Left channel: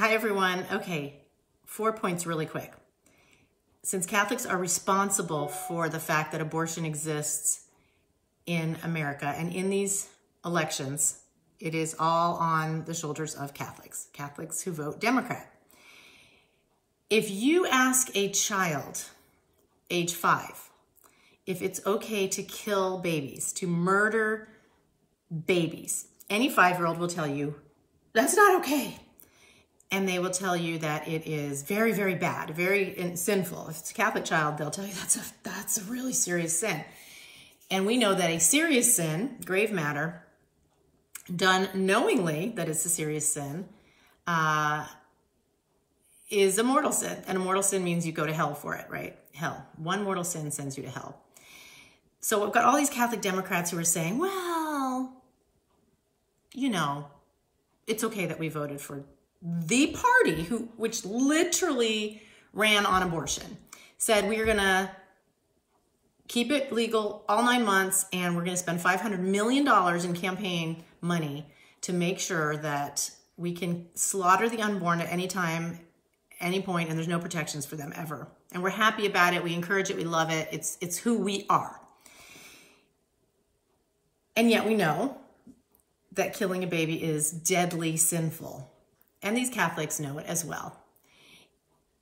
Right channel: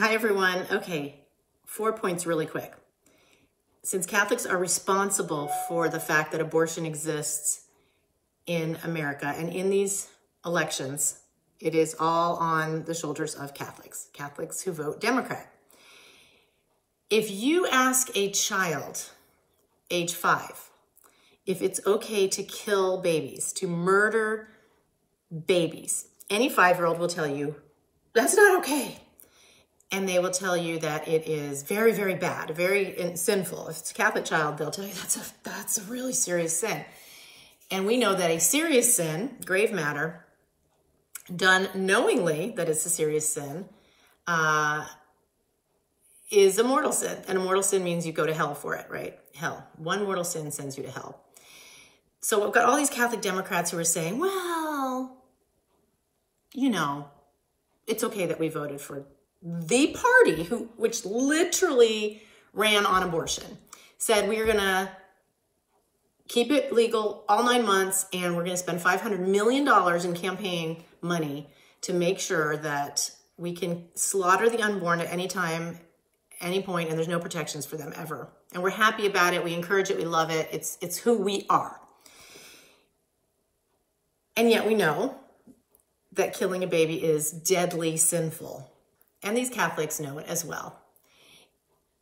Hi, everyone. Okay, 4 points really quick. Since Catholics are responsible for the fact that abortion exists in America and in these elections, it is all on the shoulders of Catholics who vote Democrat. If you ask a child, age 5, if it's okay to kill babies, to murder babies, any 5-year-old will tell you, that's not okay. And they will tell you that it is very, very bad, very sinful. If it's a Catholic child, they'll tell you that's a really serious sin. And we know that a serious sin, grave matter, done knowingly that it's a serious sin, is a mortal sin. And a mortal sin means you go to hell for it, right? Hell. One mortal sin sends you to hell. So we've got all these Catholic Democrats who are saying, well, you know, it's okay that we voted for the party which literally ran on abortion, said we're going to keep it legal all 9 months and we're going to spend $500 million in campaign money to make sure that we can slaughter the unborn at any time, any point, and there's no protections for them ever. And we're happy about it. We encourage it. We love it. It's who we are. And yet we know that killing a baby is deadly sinful. And these Catholics know it as well.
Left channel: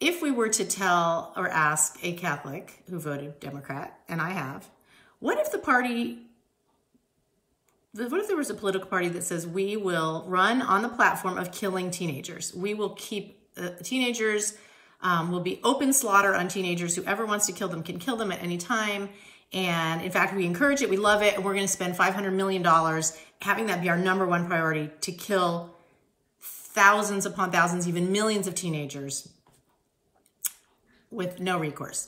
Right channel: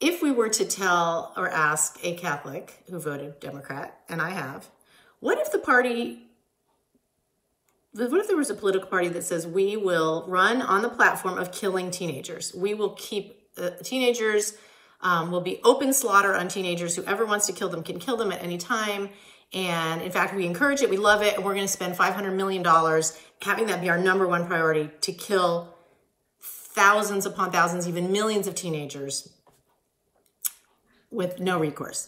If we were to tell or ask a Catholic who voted Democrat, and I have, what if there was a political party that says we will run on the platform of killing teenagers? We will keep teenagers, will be open slaughter on teenagers. Whoever wants to kill them can kill them at any time. And in fact, we encourage it, we love it, and we're going to spend $500 million having that be our #1 priority to kill thousands upon thousands, even millions of teenagers with no recourse.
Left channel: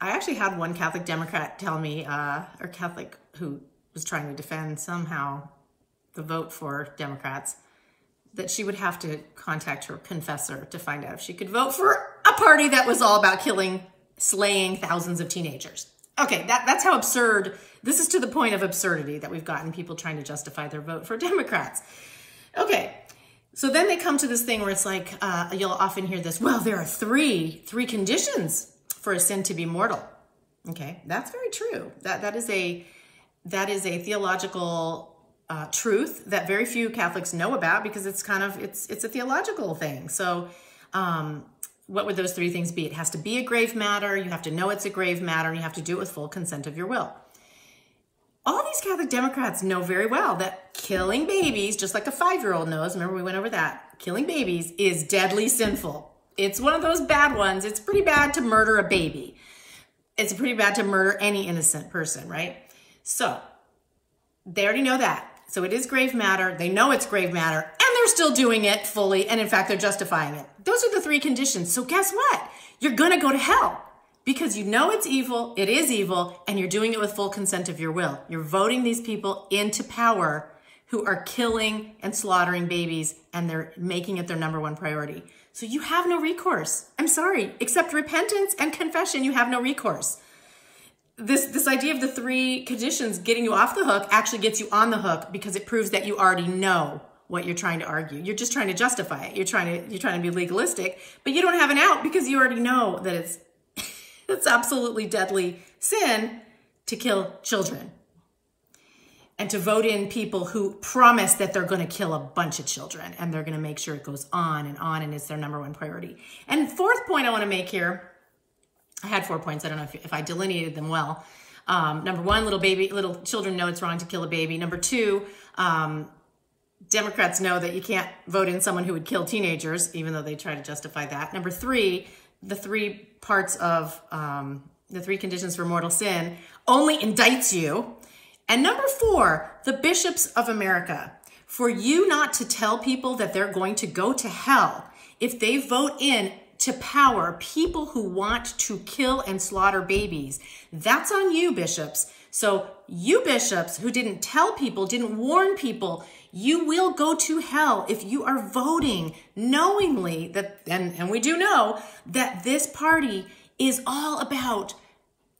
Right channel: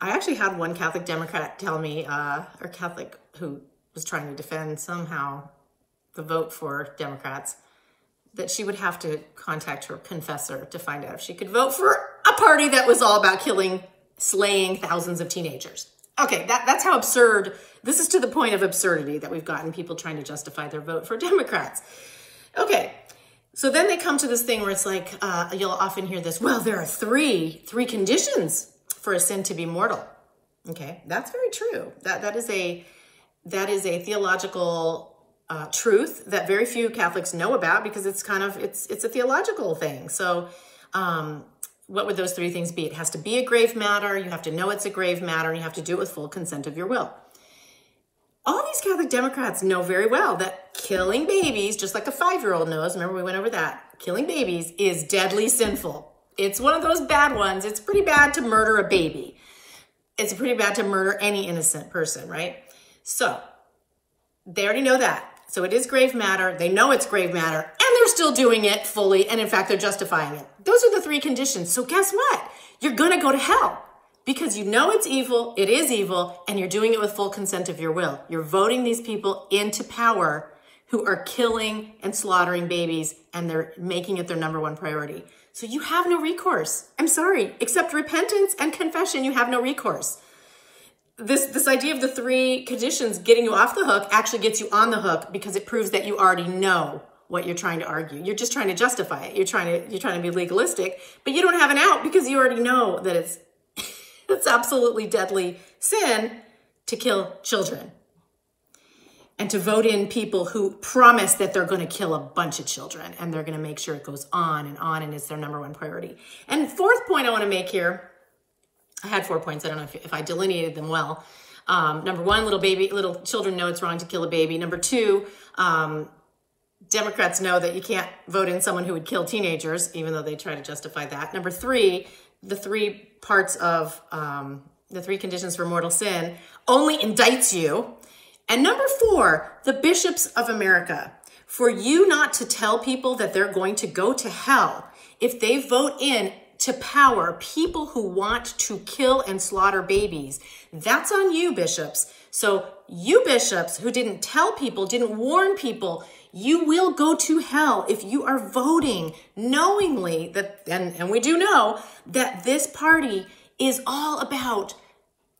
I actually had one Catholic Democrat tell me, or Catholic who was trying to defend somehow the vote for Democrats, that she would have to contact her confessor to find out if she could vote for a party that was all about slaying thousands of teenagers. Okay, that's how absurd, this is to the point of absurdity that we've gotten people trying to justify their vote for Democrats. Okay, so then they come to this thing where it's like, you'll often hear this, well, there are three conditions for a sin to be mortal. Okay, that's very true. That is a theological truth that very few Catholics know about because it's a theological thing. So what would those 3 things be? It has to be a grave matter, you have to know it's a grave matter, and you have to do it with full consent of your will. All these Catholic Democrats know very well that killing babies, just like a 5-year-old knows, remember we went over that, killing babies is deadly sinful. It's one of those bad ones. It's pretty bad to murder a baby. It's pretty bad to murder any innocent person, right? So they already know that. So it is grave matter. They know it's grave matter, and they're still doing it fully, and in fact, they're justifying it. Those are the 3 conditions. So guess what? You're going to go to hell. Because you know it's evil, it is evil, and you're doing it with full consent of your will. You're voting these people into power who are killing and slaughtering babies, and they're making it their #1 priority. So you have no recourse. I'm sorry, except repentance and confession, you have no recourse. This idea of the 3 conditions getting you off the hook actually gets you on the hook because it proves that you already know what you're trying to argue. You're just trying to justify it. You're trying to be legalistic, but you don't have an out because you already know that it's absolutely deadly sin to kill children and to vote in people who promise that they're going to kill a bunch of children and they're going to make sure it goes on and it's their #1 priority. And 4th point I want to make here, I had 4 points. I don't know if I delineated them well. #1, little children know it's wrong to kill a baby. #2, Democrats know that you can't vote in someone who would kill teenagers, even though they try to justify that. #3, the 3 parts of the 3 conditions for mortal sin only indicts you. And #4, the bishops of America, for you not to tell people that they're going to go to hell if they vote in to power people who want to kill and slaughter babies. That's on you, bishops. So you bishops who didn't tell people, didn't warn people, you will go to hell if you are voting knowingly that, and we do know that this party is all about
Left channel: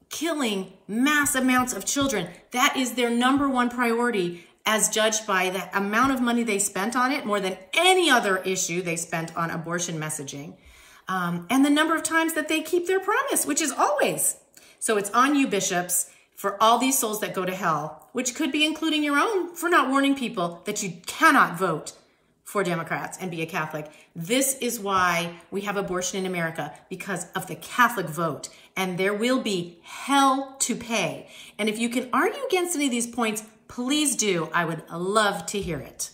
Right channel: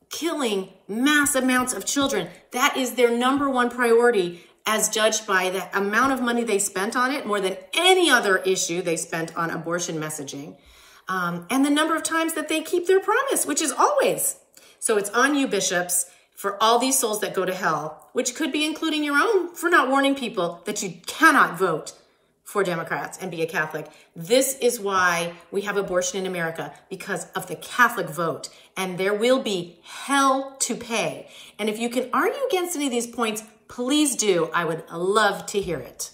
killing mass amounts of children. That is their #1 priority. as judged by the amount of money they spent on it, more than any other issue they spent on abortion messaging, and the number of times that they keep their promise, which is always. So it's on you, bishops, for all these souls that go to hell, which could be including your own, for not warning people that you cannot vote for Democrats and be a Catholic. This is why we have abortion in America, because of the Catholic vote. And there will be hell to pay. And if you can argue against any of these points, please do. I would love to hear it.